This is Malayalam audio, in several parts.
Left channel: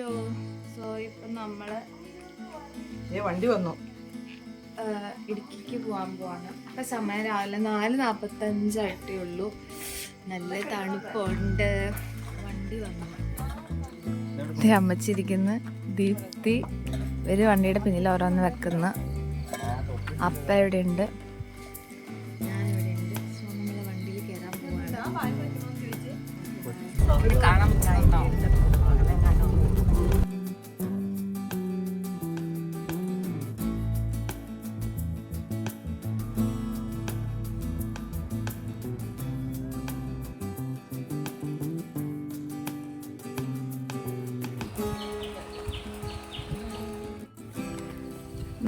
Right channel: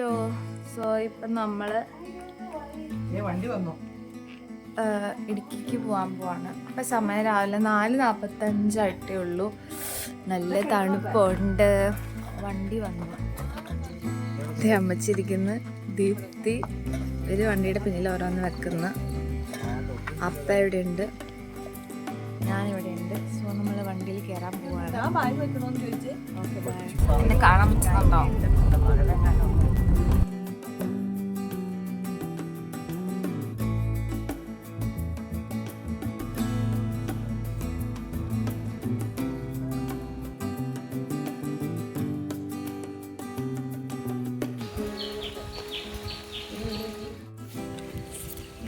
ഹലോ. സോ ഇപ്പം നമ്മൾ വണ്ടി വന്നു ഇടുക്കിക്ക് പോകാൻ പോവാണ്. അപ്പം സമയം രാവിലെ 4:45 ഉള്ളൂ. നല്ല തണുപ്പുണ്ട്. വണ്ടി വന്നു. അമ്മച്ചിരിക്കുന്നു. ദീപ്തി ഒരു വണ്ടിയുടെ പിന്നിൽ ഓരോന്ന് വെക്കുന്ന. അപ്പ ഇവിടെ ഉണ്ട്, ഞാനിവിടെ ഉണ്ട്. സോ നമ്മൾ വണ്ടിയിൽ കയറാൻ പോവാണ്. Okay bye. കാണാൻ പറ്റുന്നുണ്ടോ?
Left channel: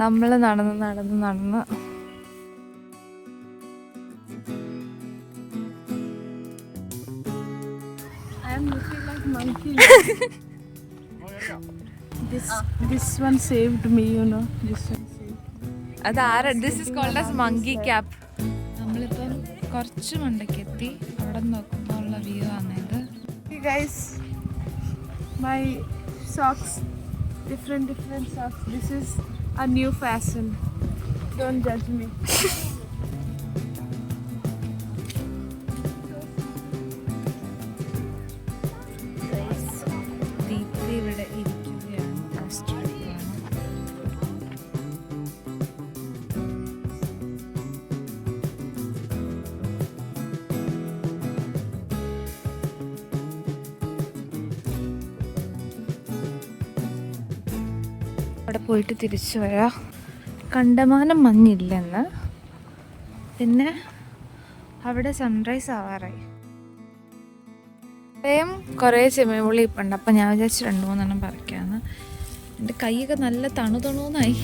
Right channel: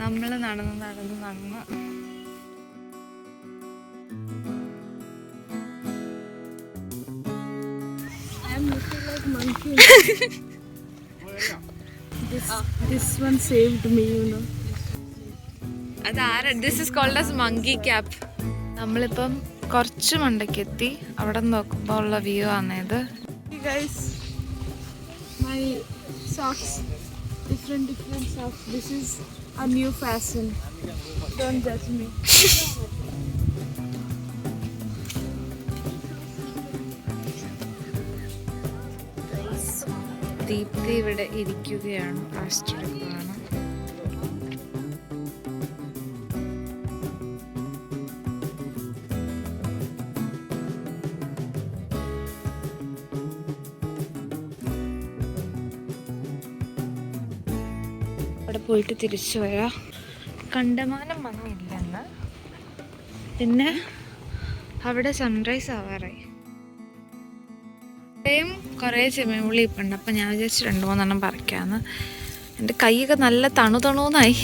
നമ്മൾ നടന്ന് This one saved me, you know. This is called as monkey cap. നമ്മളിപ്പം കുറച്ച് മണ്ടയ്ക്ക് എത്തി. അവിടെ നോക്കുമ്പോൾ ഉള്ള വ്യൂ ആണിത്. Hey guys, my socks, different socks. This is a new fashion. Don't judge me. Deepthi ഇവിടെ ഇരിക്കുകയാണ്. ഫാസ്റ്റ് എടുക്കുകയാണ്. അവിടെ പോയിട്ട് തിരിച്ചു വരാം. കണ്ടമാനം മഞ്ഞില്ലെന്ന്. പിന്നെ അവിടെ സൺറൈസ് ആവാറായി. ഇത്രയും കുറേ ചെമ്മീൻപുള്ളി ഇപ്പം ഉണ്ട്. അപ്പം ഞാൻ വിചാരിച്ചു 2-3 പറിക്കാമെന്ന്. എൻ്റെ കൈയൊക്കെ നല്ല തണുതണൂന്നായി.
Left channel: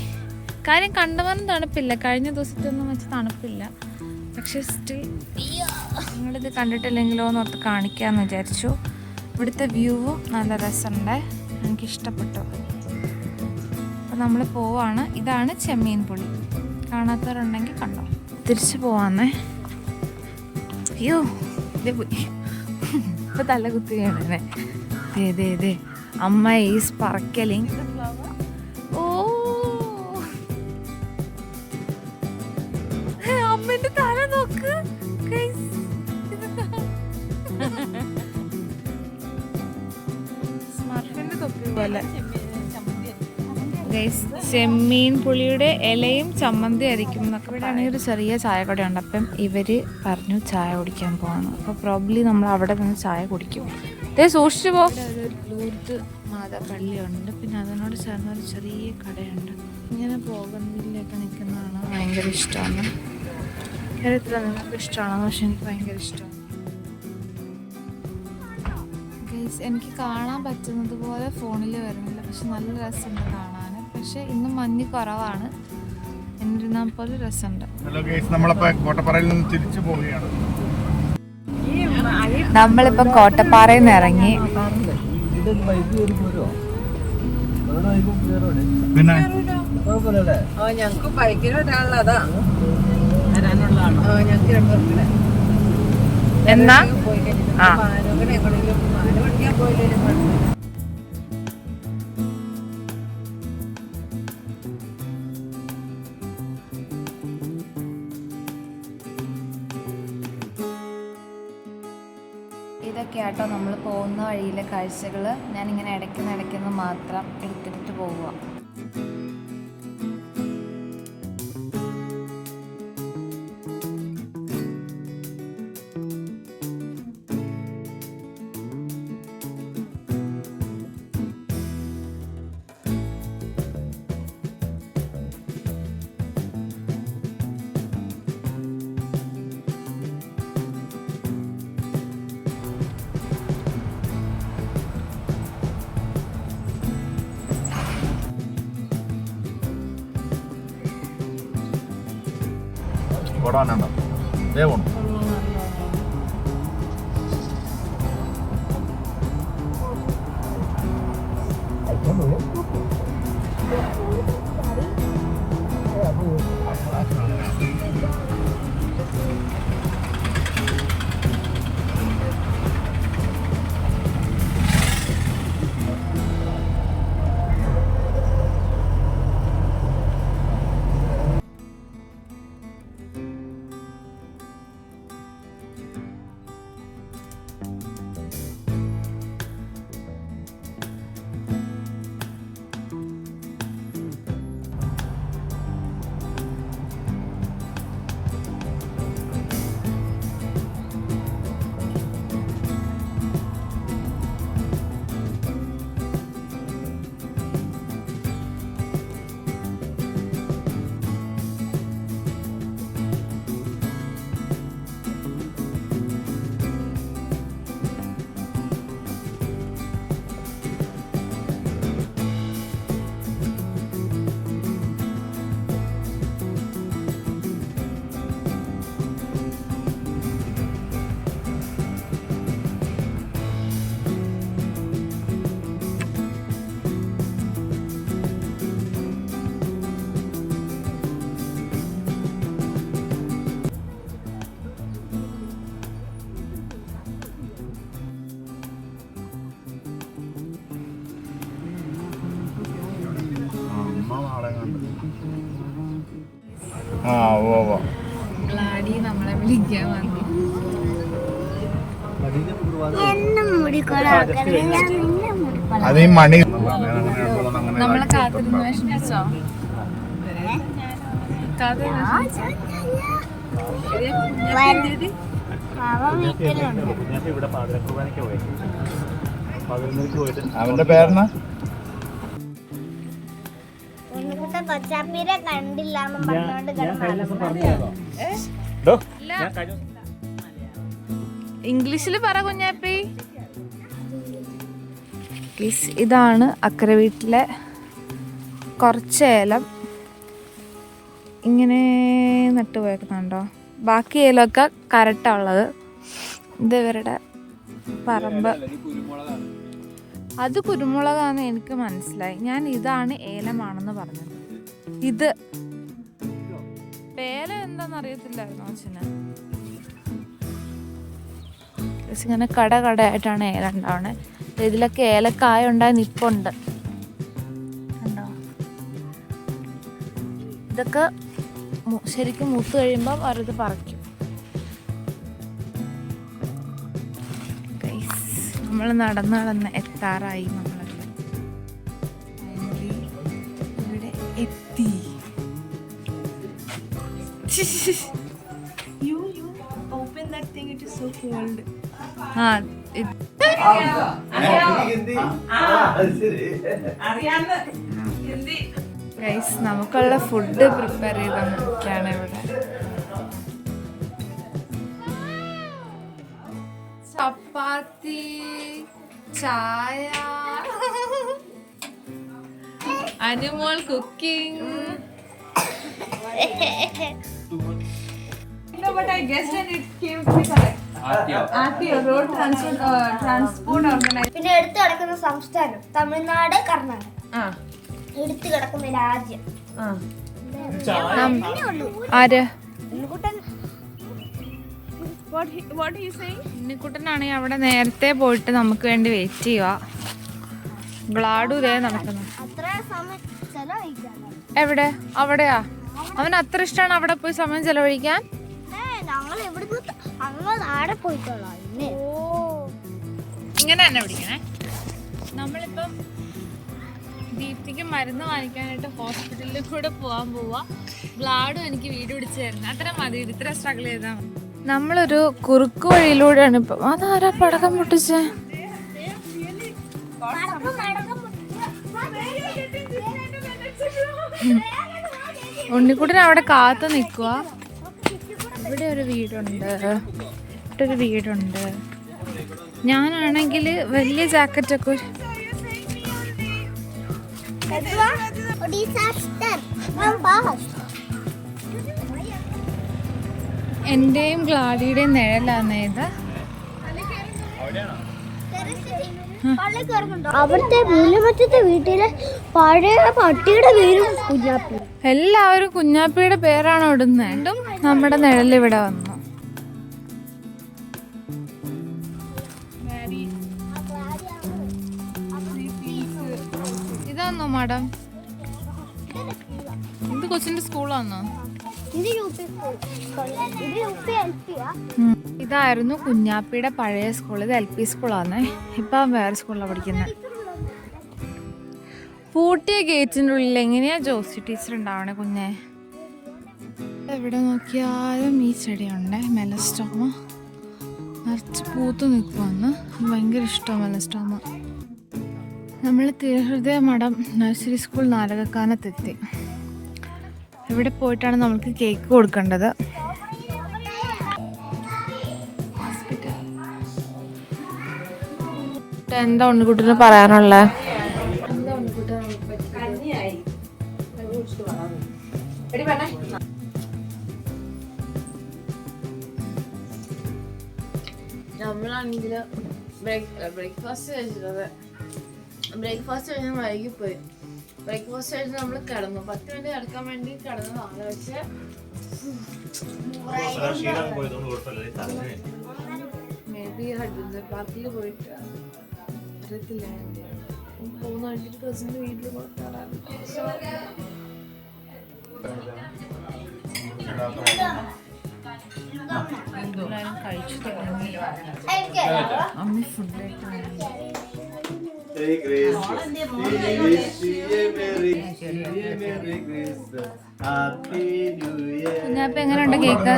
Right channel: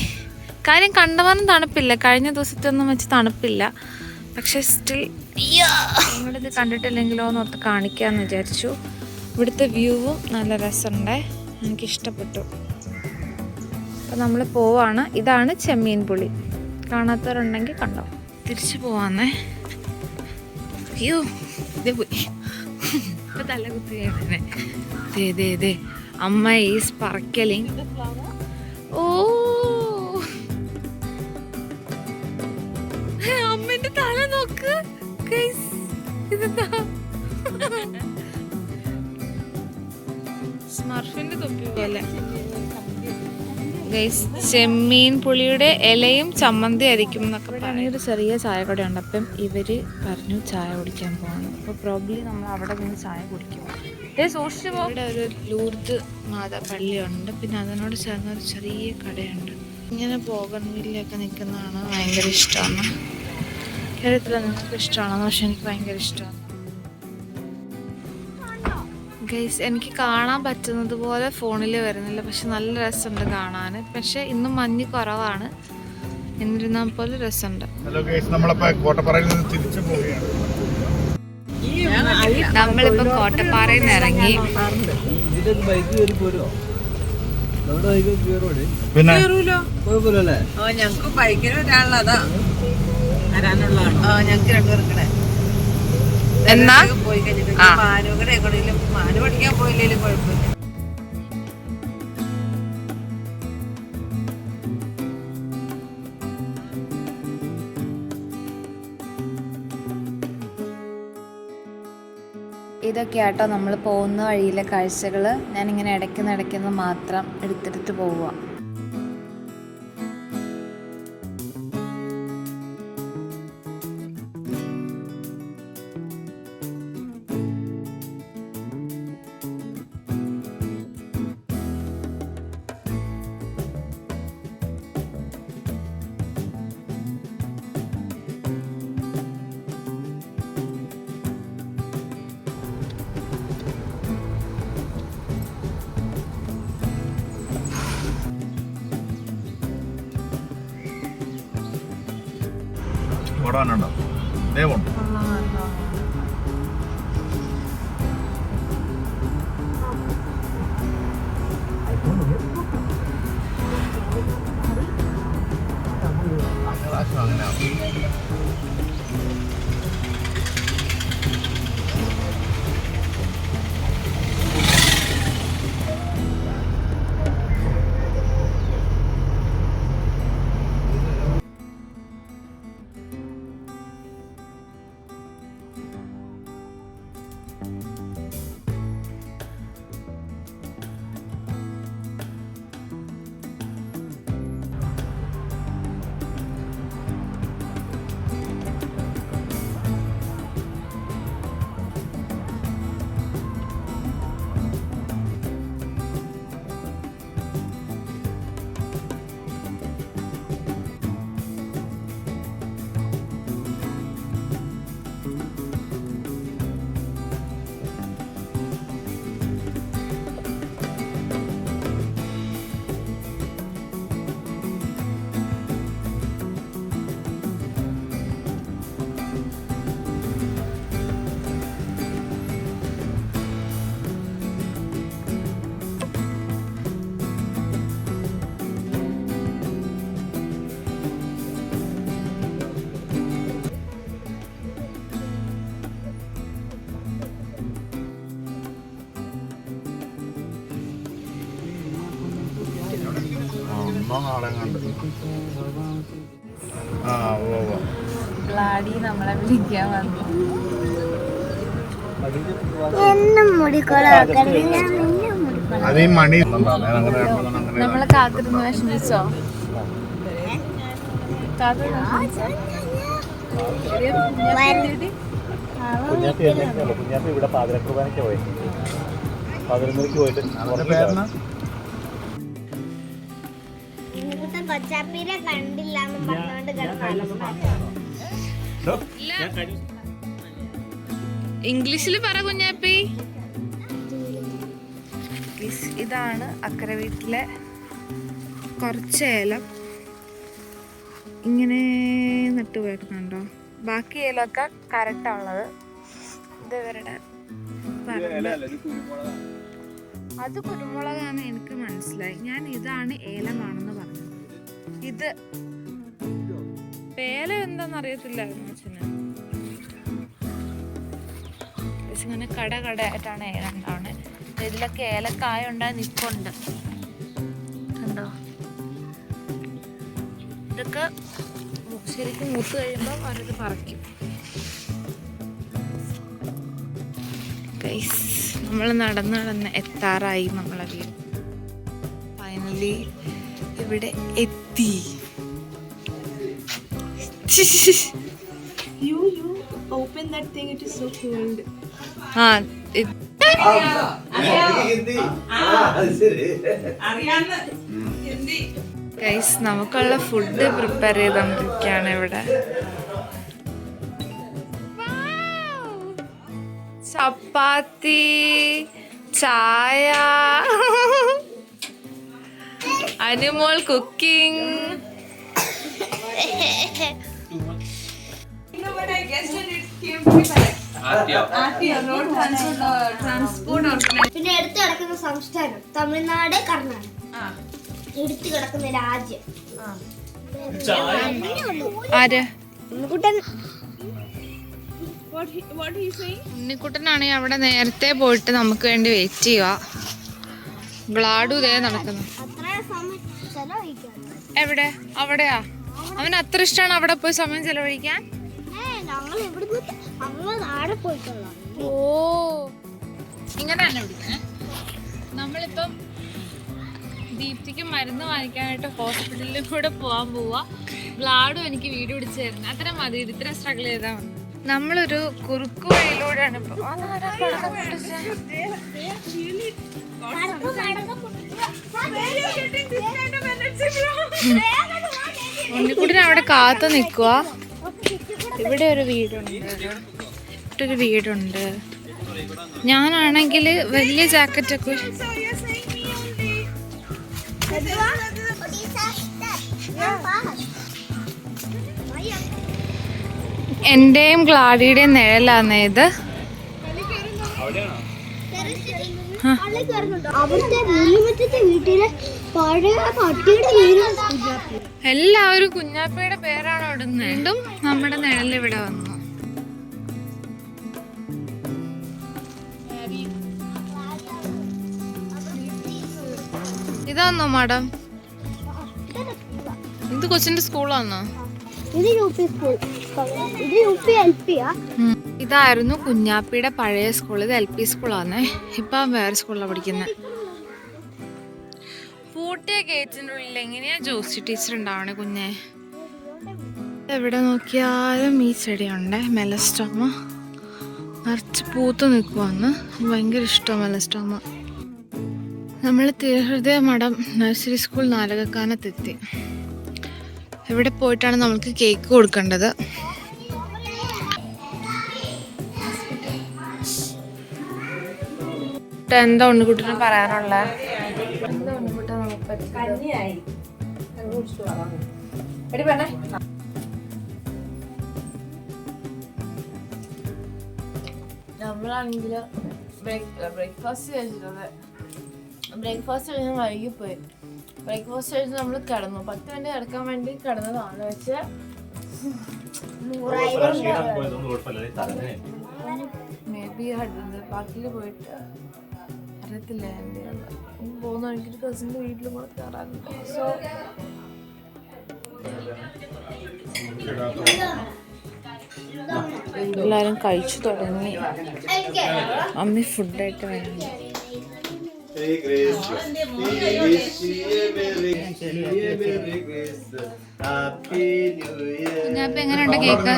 കാര്യം കണ്ടമാനം തണുപ്പില്ല, കഴിഞ്ഞ ദിവസത്തെ ഒന്നും വെച്ച് തണുപ്പില്ല. പക്ഷെ സ്റ്റിൽ നിങ്ങളിത് കണ്ടിട്ടില്ലെങ്കിലോ എന്ന് ഓർത്ത് കാണിക്കാമെന്ന് വിചാരിച്ചു. ഇവിടുത്തെ വ്യൂവും നല്ല രസമുണ്ട്, എനിക്കിഷ്ടപ്പെട്ടു. അപ്പം നമ്മൾ പോവാണ്. ഇതാണ് ചെമ്മീൻപുള്ളി. കാണാത്തവരുണ്ടെങ്കിൽ കണ്ടോ. തിരിച്ചു പോവാന്നേ. അയ്യോ ഇതേ പോയി. ഇപ്പൊ തല കുത്തിയേ. അമ്മ ഈസ് പറക്കലിങ്. ഓ അമ്മന്റെ തല നോക്ക്. സ്മർഫിന്റെ തൊപ്പി പോലെ. ചെമ്മീൻ പുളിയുടെ ഇലയും ചമ്മന്തി അരിക്കും എന്നൊക്കെ. ഇവിടെ ആണെങ്കിൽ ഒരു ചെറിയ ചായക്കട ഉണ്ട്. അപ്പം ഇവര് പറഞ്ഞു ചായ കുടിക്കാൻ പോകണം. അപ്പോൾ പ്രോബ്ലി നമ്മൾ അവിടെ നിന്ന് ചായ കുടിക്കും. സൂക്ഷിച്ചു പോകും. ഇവിടെ ഒരു ലൂർദ് മാതാ പള്ളിയുണ്ട്. പിന്നെ അതിനോട് ചേർന്നൊരു ചെറിയ കടയുണ്ട്. ഇങ്ങനെ ബോഗൺവില്ലയൊക്കെ നിൽക്കുന്നതാണ് ഭയങ്കര ഇഷ്ടമാണ്. കേരളത്തിൽ നിങ്ങൾക്ക് ഇഷ്ടമാണെന്ന്, പക്ഷെ എനിക്ക് ഭയങ്കര ഇഷ്ടമാണ്. ഗൈസ്, എനിക്ക് കാണാൻ പറ്റുന്നത് പോലെ ഫോണിൽ വരുന്നില്ല, പക്ഷെ നല്ല രസമുണ്ട് കാണാൻ. പക്ഷെ ഇന്നും മഞ്ഞ് കുറവാണ്, എന്നിരുന്നാൽ പോലെ രസമുണ്ട്. നമ്മളിപ്പം കോട്ടപ്പാറയിൽ നിന്ന് ഇറങ്ങി. എന്നാ പോയില്ലേലും കുഴപ്പമില്ല. ഇതൊക്കെയാട്ടോ നമ്മൾ പോകുന്ന വഴിയിലെ കാഴ്ചകൾ. ഞാനിങ്ങനെ ഇടയ്ക്കുന്ന് മാത്രം എടുത്തെടുത്ത് പോവുക. ദേവുണ്ട്. നാളെ കണ്ടു. ആ ഓ ഗ്ലാഡി നമ്മളെ വിളിക്കാൻ വന്നു. അത് ഈ മണി നമ്മളെ കാത്തിരുന്ന് വിഷമിച്ചോ? അവന്റെ പേരെന്നാ? കൊച്ചാപ്പീരെ കണ്ടില്ലാന്നും പറഞ്ഞോണ്ട് ഇംഗ്ലീഷിൽ പറ കുഞ്ഞാപ്പി. ഇതാണ് അക്കരെ വീട്ടിലെ കുറച്ച് ഏലം ഇങ്ങനെ നട്ടുപോയേക്കുന്നുണ്ടോ. ബാക്കി ഏലമൊക്കെ കരട്ടുള്ളത്. ഇത് ഇവരുടെ പറമ്പ്. അത് കുരുമുളകാന്ന് എനിക്ക് മനസ്സിലായി. ഞാൻ ഇതാണ് ഏലമാണെന്ന് പറഞ്ഞത്. ഇത് പേല എന്താന്ന് അറിയത്തില്ലായിരുന്നു അച്ഛന്. ഇങ്ങനെ കടയായിട്ടാണ് ഏലം ഉണ്ടാവുന്നത്. ഇതിലൊക്കെ ഏലക്കായ ഉണ്ടായി നിൽപ്പുണ്ട് കണ്ടോ. ഇതൊക്കെ ശരിക്കും മൂത്ത് കഴിയുമ്പോൾ അവരത് പറിക്കും. നമ്മൾ നടന്ന് എത്താറായി നമ്മളെ വീട്. ഫൈനലി ഇവിടെ എത്തി. You open that thing, it is so cold. Guys നമുക്കുള്ള ഫുഡ് പ്രിപ്പയർ ചെയ്തോണ്ടിരിക്കുകയാണ് ഇവിടെ. ചപ്പാത്തി, ചായ, Anumol cooking. You know what I guessed, and it came to be correct. RTO, Road Transport Organization. പിന്നെ എടുത്തു കിടക്കുന്ന സംസ്ഥാനം തമിഴ്നാട്, കർണാടക. എടുത്തു കിടക്കുന്ന രാജ്യം ആര്? What he saying? ഉണ്ണിക്കുട്ടനാണെങ്കിൽ അവിടെ നേരത്തെ പോയിട്ട് നമുക്ക് വേണ്ടി വെയിറ്റ് ചെയ്യുക. ഗ്ലാഡു ഇതേ നടക്കുന്നു. അത്ര സമയം ചെലവഴിക്കാൻ എവിടെ? അവിടെയാ? അവന് അത്ര ഇഷ്ടമാണ് അവിടെ പോയി സമയം ചെലവഴിക്കാൻ. ഞങ്ങൾ എവിടുന്ന് അങ്ങ് നാടെ പോയിട്ടോളാം. ഓ ഇങ്ങനെ തന്നെ പിടിക്കണേ. നമ്മളിപ്പം ദീപ്തിക്ക് മരുന്ന് വാങ്ങിക്കാനായിട്ട് ഹോസ്പിറ്റലിൽ കൂടെ പോകാൻ പോവാ. ഗ്ലാഡും എനിക്ക് വീഡിയോ പിടിച്ച് തരുന്നത്. അത്ര മതി. ഇത്ര സ്ട്രഗിൾ ചെയ്താൽ മതി. നമ്മളൊരു കുറുക്ക് വഴിയിലൂടെയാണ് ഇപ്പം. അതാരാ പടക്കം പൊട്ടിച്ചേ? ഉണ്ണിക്കുട്ടൻ അവിടെ കാത്തു നിൽക്കുക. ഇവിടെ ഒരു വീടുണ്ട്. ഇവിടെ ഒരു വീടുണ്ട്. ഞാനാണെങ്കിൽ വലിയ ജാക്കറ്റൊക്കെ എന്റെയും ഗ്ലാഡിയുടെയും നിഴലാന്നേ ഇത്. അവിടുത്തെ മൂലമറ്റത്തെ വീട്ടിലെ പഴയ പട്ടിയുടെ പേരും കുഞ്ഞാപ്പി. എല്ലാവരും കുഞ്ഞാപ്പിയുടെ പേരാണ് ഇടുന്നത്. വീണ്ടും നമ്മുടെ നിഴൽ ഇവിടെ വന്നു. ഇതാന്നോ മാഡം? ഇത് കൊച്ചിന്റെ സ്കൂളാന്നോ? ഇതായിരുന്നു കുഞ്ഞാപ്പിയുടെ പഴയ സ്കൂൾ. ഇത് LP സ്കൂളാന്നേ. ഇപ്പം വേറെ സ്കൂളിലാണ് പഠിക്കുന്നത്. പൂട്ടിയ ഗേറ്റിൻ്റെ ഉള്ളിൽ എങ്ങനെയാ ജോസി ടീച്ചർ ഉണ്ടാവണേ കുഞ്ഞെ? എവിടെ നോക്കിയാലും ഈ ചെടിയുണ്ട്. മെലസ്റ്റോമ നിറച്ച് പൂത്ത് നിൽക്കുവാന്ന്. ഭയങ്കര ഇഷ്ടമാണ് മെലസ്റ്റോമ. നമ്മൾ തിരുഹൃദയ മഠം നഴ്സറി സ്കൂൾ നാരകക്കാനത്തെത്തി. ഇവിടെ പോയിട്ടാണ് നമ്മൾക്ക് കേക്ക് കൊടുക്കേണ്ടത്. എന്താ ഉണ്ണിക്കുട്ടിന് പറയാനുള്ളത്? എന്താ ഉണ്ണിക്കുട്ടൻ നമുക്ക് പറ്റിയത്? നമ്മളാണെങ്കിൽ ബ്രേക്ക്ഫാസ്റ്റ് കഴിച്ചിട്ടത്. ബ്രേക്ക്ഫാസ്റ്റ് കഴിഞ്ഞാൽ വൈകിപ്പോയി. ബ്രേക്ക്ഫാസ്റ്റ് കഴിച്ച് നമ്മൾ കിടന്നു. 10 മിനിറ്റ് കിടക്കാൻ വേണ്ടി കിടന്നതാണ്. പക്ഷേ മേ ബി ഹഡ്രൻസ് പാർക്കിൽ പോയിട്ട് അറിയത്തില്ല എന്തെയാണ് പോകുന്ന വഴിക്ക് കസിൻ്റെ വീട്ടിൽ കൂടെ കയറാറുണ്ട്. സോ എല്ലാവരും കഴിച്ചു തുടങ്ങി. അമ്മി ഫുഡായിട്ട് വേണം. കുഞ്ഞാപ്പ എങ്ങനെയുണ്ട് കേക്ക്?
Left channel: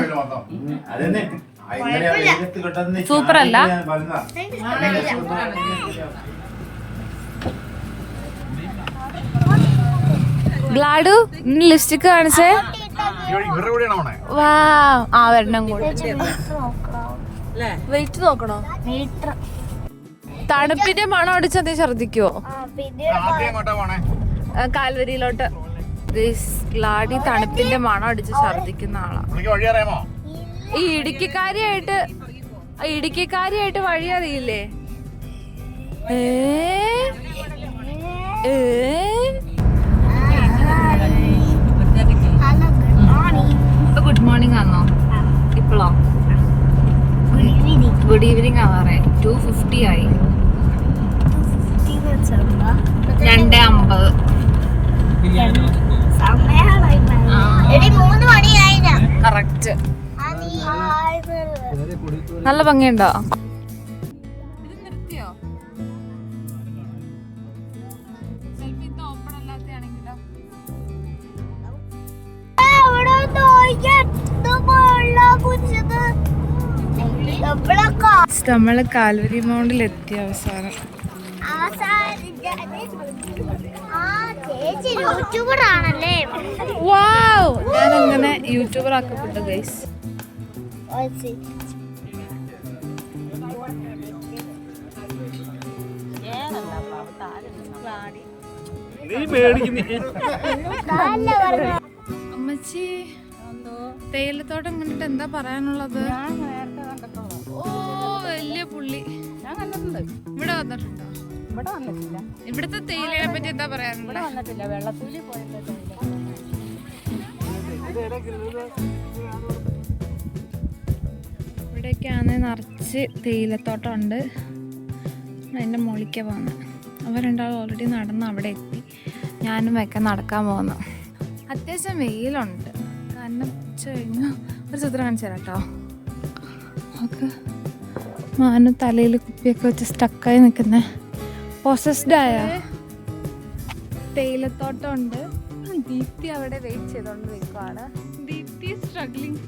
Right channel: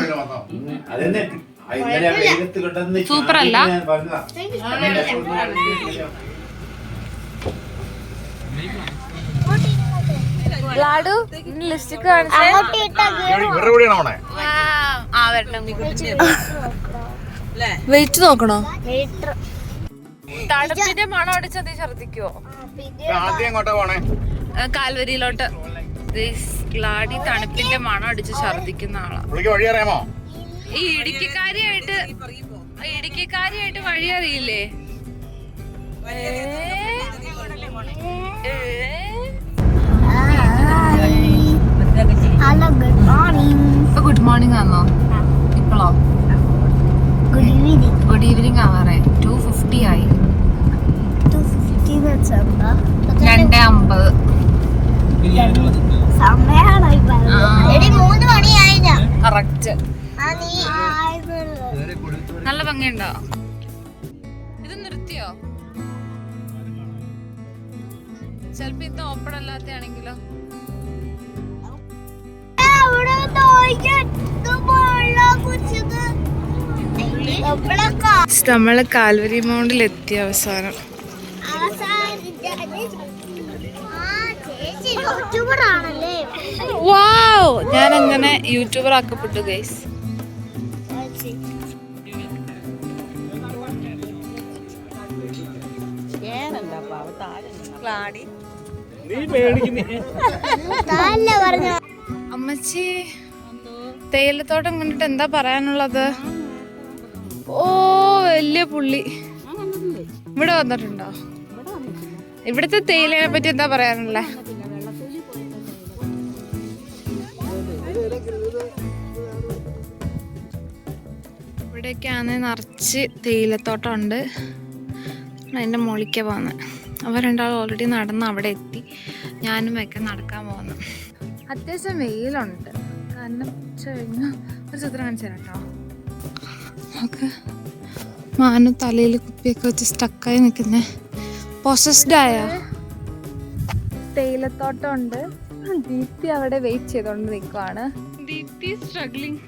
സൂപ്പർ അല്ല? ബ്ലാഡു ലിപ്സ്റ്റിക് കാണിച്ചേ. ആ വരണം കൂടി വെയിറ്റ് നോക്കണോ? തണുപ്പിന്റെ മണം അടിച്ചാൽ നീ ഛർദിക്കുവോ? കാൽവരിയിലോട്ട്. ഗ്ലാഡി തണുപ്പിന്റെ മണം അടിച്ച് ഛർദിക്കുന്ന ആളാ. ഈ ഇടുക്കിക്കാരിയായിട്ട് വഴി അറിയില്ലേ? ഗുഡ് മോർണിംഗ് ആണോ ഇപ്പോഴോ? Good evening ആവാറേ. 2:50 ആയി. 2:50 കറക്റ്റ്. നല്ല ഭംഗിയുണ്ടോ? ഇത് നിർത്തിയോ? ചിലപ്പോ ഇത് ഓപ്പൺ അല്ലാത്തയാണെങ്കിലോ? നമ്മള് കാൽവരി മൗണ്ടിൽ എത്തി അവസാനം. വാവ്, ഞാൻ അങ്ങനെ യൂട്യൂബർ ആക്കപ്പെട്ടു ഗൈസ്. അമ്മച്ചി തേയിലത്തോട്ടം കണ്ടിട്ട് എന്താ പറയാനുള്ളത്? ഓ വലിയ പുള്ളി. ഇവിടെ വന്നിട്ടുണ്ടോ? ഇവിടുത്തെ തേയിലയെ പറ്റി എന്താ പറയാനുള്ളത്? ഇവിടെയൊക്കെയാണ് നിറച്ച് തേയിലത്തോട്ടം ഉണ്ട്. അതിൻ്റെ മുകളിലേക്ക് പോകുന്നത്. അവർ രണ്ടാളും ഓൾറെഡി നടന്ന് അവിടെ എത്തി. ഞാനും ഒക്കെ നടക്കാൻ പോകുന്നു. അത്യാവശ്യം വെയിലുണ്ട്. കാരണം ഉച്ച കഴിഞ്ഞാൽ ഒരു ചിത്രം കാണിച്ചു തരാം കേട്ടോ. നമുക്ക് മാനു തലയിൽ കുപ്പിയൊക്കെ വെച്ച് സ്റ്റക്കായി നിൽക്കുന്ന പൊസസ്ഡായ തേയിലത്തോട്ടം ഉണ്ട്. ദീപ്തി അവിടെ വെയിറ്റ് ചെയ്തോണ്ട് നിൽക്കുവാണ്. ദീപ്തി സ്ട്രഗ്ലിംഗ്.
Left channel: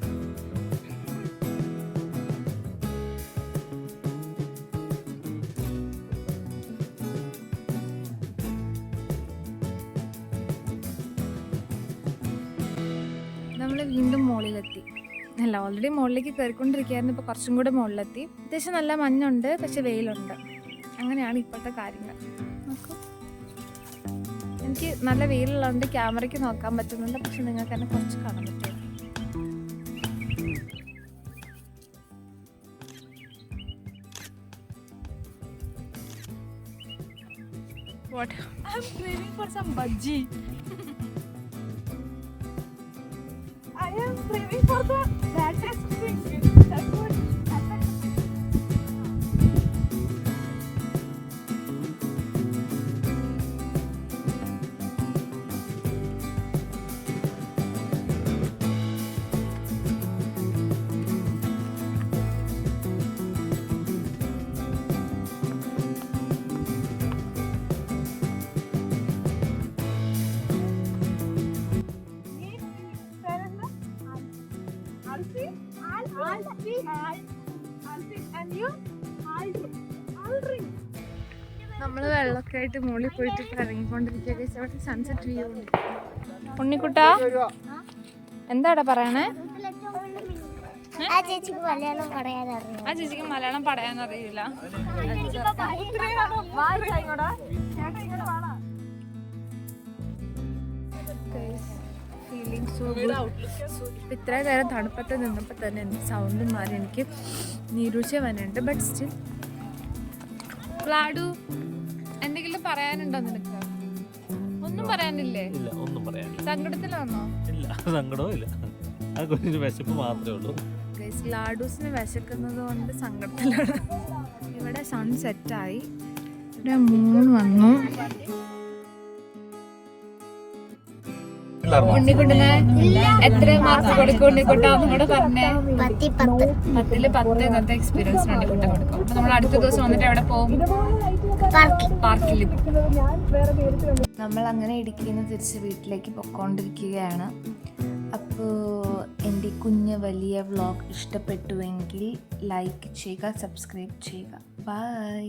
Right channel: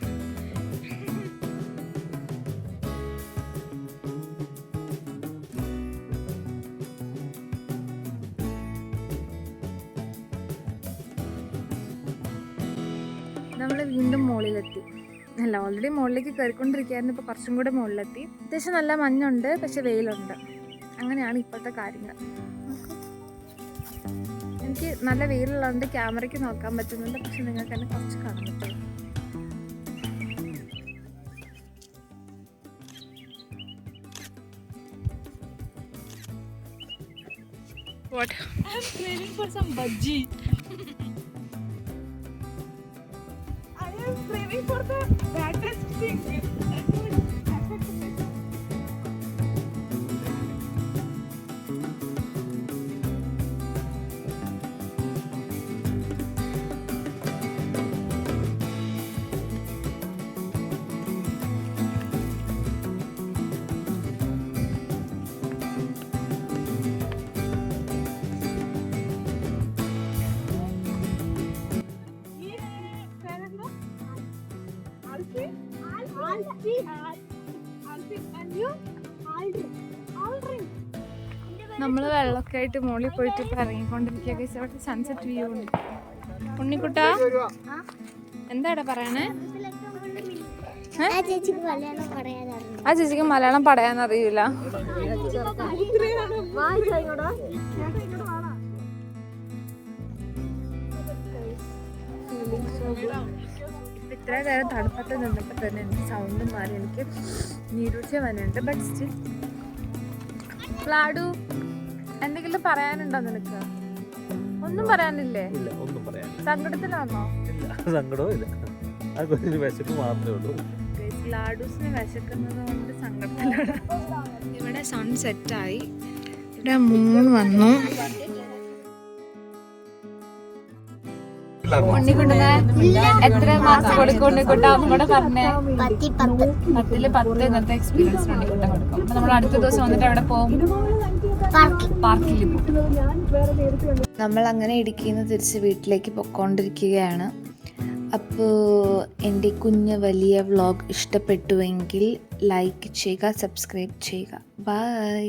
നമ്മൾ വീണ്ടും മുകളിലെത്തി. അല്ല, ഓൾറെഡി മുകളിലേക്ക് കയറിക്കൊണ്ടിരിക്കുകയായിരുന്നു. ഇപ്പോൾ കുറച്ചും കൂടെ മുകളിലെത്തി. അത്യാവശ്യം നല്ല മഞ്ഞുണ്ട്, പക്ഷെ വെയിലുണ്ട്. അങ്ങനെയാണ് ഇപ്പോഴത്തെ കാര്യങ്ങൾ. നോക്കൂ, എനിക്ക് നല്ല വെയിലുള്ളതുകൊണ്ട് ക്യാമറയ്ക്ക് നോക്കാൻ പറ്റുന്നുണ്ട്, പക്ഷെ നിങ്ങൾക്ക് തന്നെ കുറച്ച് കാണാൻ പറ്റും. What? I'm craving for some bhaji. I am craving for the fattest thing. That's what attracts me. നമ്മൾ വെള്ളമൊക്കെ ആയിട്ട് മുകളിൽ പോയിട്ട് ഇപ്പം ഇറങ്ങിക്കൊണ്ടിരിക്കുക. അവിടെ സൺസെറ്റ് വ്യൂ ഉണ്ട്. ഉണ്ണിക്കുട്ടാ, എന്താടാ പറയണേ? ആ ചേച്ചിക്ക് മലയാളം പറയാൻ അറിയില്ല. Feeling so good. ഇപ്പം ഇത്ര നേരം തണുപ്പത്ത് നിന്നപ്പോൾ തന്നെ എനിക്ക് സൗണ്ടും മാറി. എനിക്ക് നീരൂഴ്ച വന്നുണ്ട്. ബട്ട് സ്റ്റിൽ ഫ്ലാഡു, എന്തെങ്കിലും പറയാനുണ്ടോ നിനക്ക്? ഒന്നും പറയാനില്ലേ? ഇല്ല, ഒന്നും പറയാനില്ല. സങ്കടത്തിലാണോ? ഇല്ല, സങ്കടവും ഇല്ല. അതൊരു വിശപ്പ് മാത്രമേ ഉള്ളൂ. ലാഡൂസിന് വിശക്കുന്നത് കൊണ്ട് സങ്കടത്തിലാണ്. ഇവിടെ സൺ സെറ്റായി. ഇവിടെ 3 വന്നു. ഉണ്ണിക്കുട്ടന് എത്ര മാർക്ക് കൊടുക്കും ഉണ്ണിക്കുട്ടാന്നും കൂടെ പറഞ്ഞേ. 10 ഇന്നത്തെ എക്സ്പീരിയൻസ് ഉണ്ണിക്കുട്ടൻ കൊടുക്കും. അപ്പൊ നമ്മൾ അടുത്ത ദിവസം വന്നിട്ട് എവിടെ പോകും? പാർക്കിൽ പോകും. നമ്മൾ അങ്ങനെ ഇടുക്കിയിൽ നിന്ന് തിരിച്ച് വീട്ടിലേക്ക് പൊയ്ക്കൊണ്ടിരിക്കുകയാണ്. അപ്പോൾ എൻ്റെ കുഞ്ഞ് വലിയ വ്ളോഗ് ഇഷ്ടപ്പെട്ടുവെങ്കിൽ ലൈക്ക് ചെയ്യുക, സബ്സ്ക്രൈബ് ചെയ്യുക. ബൈ.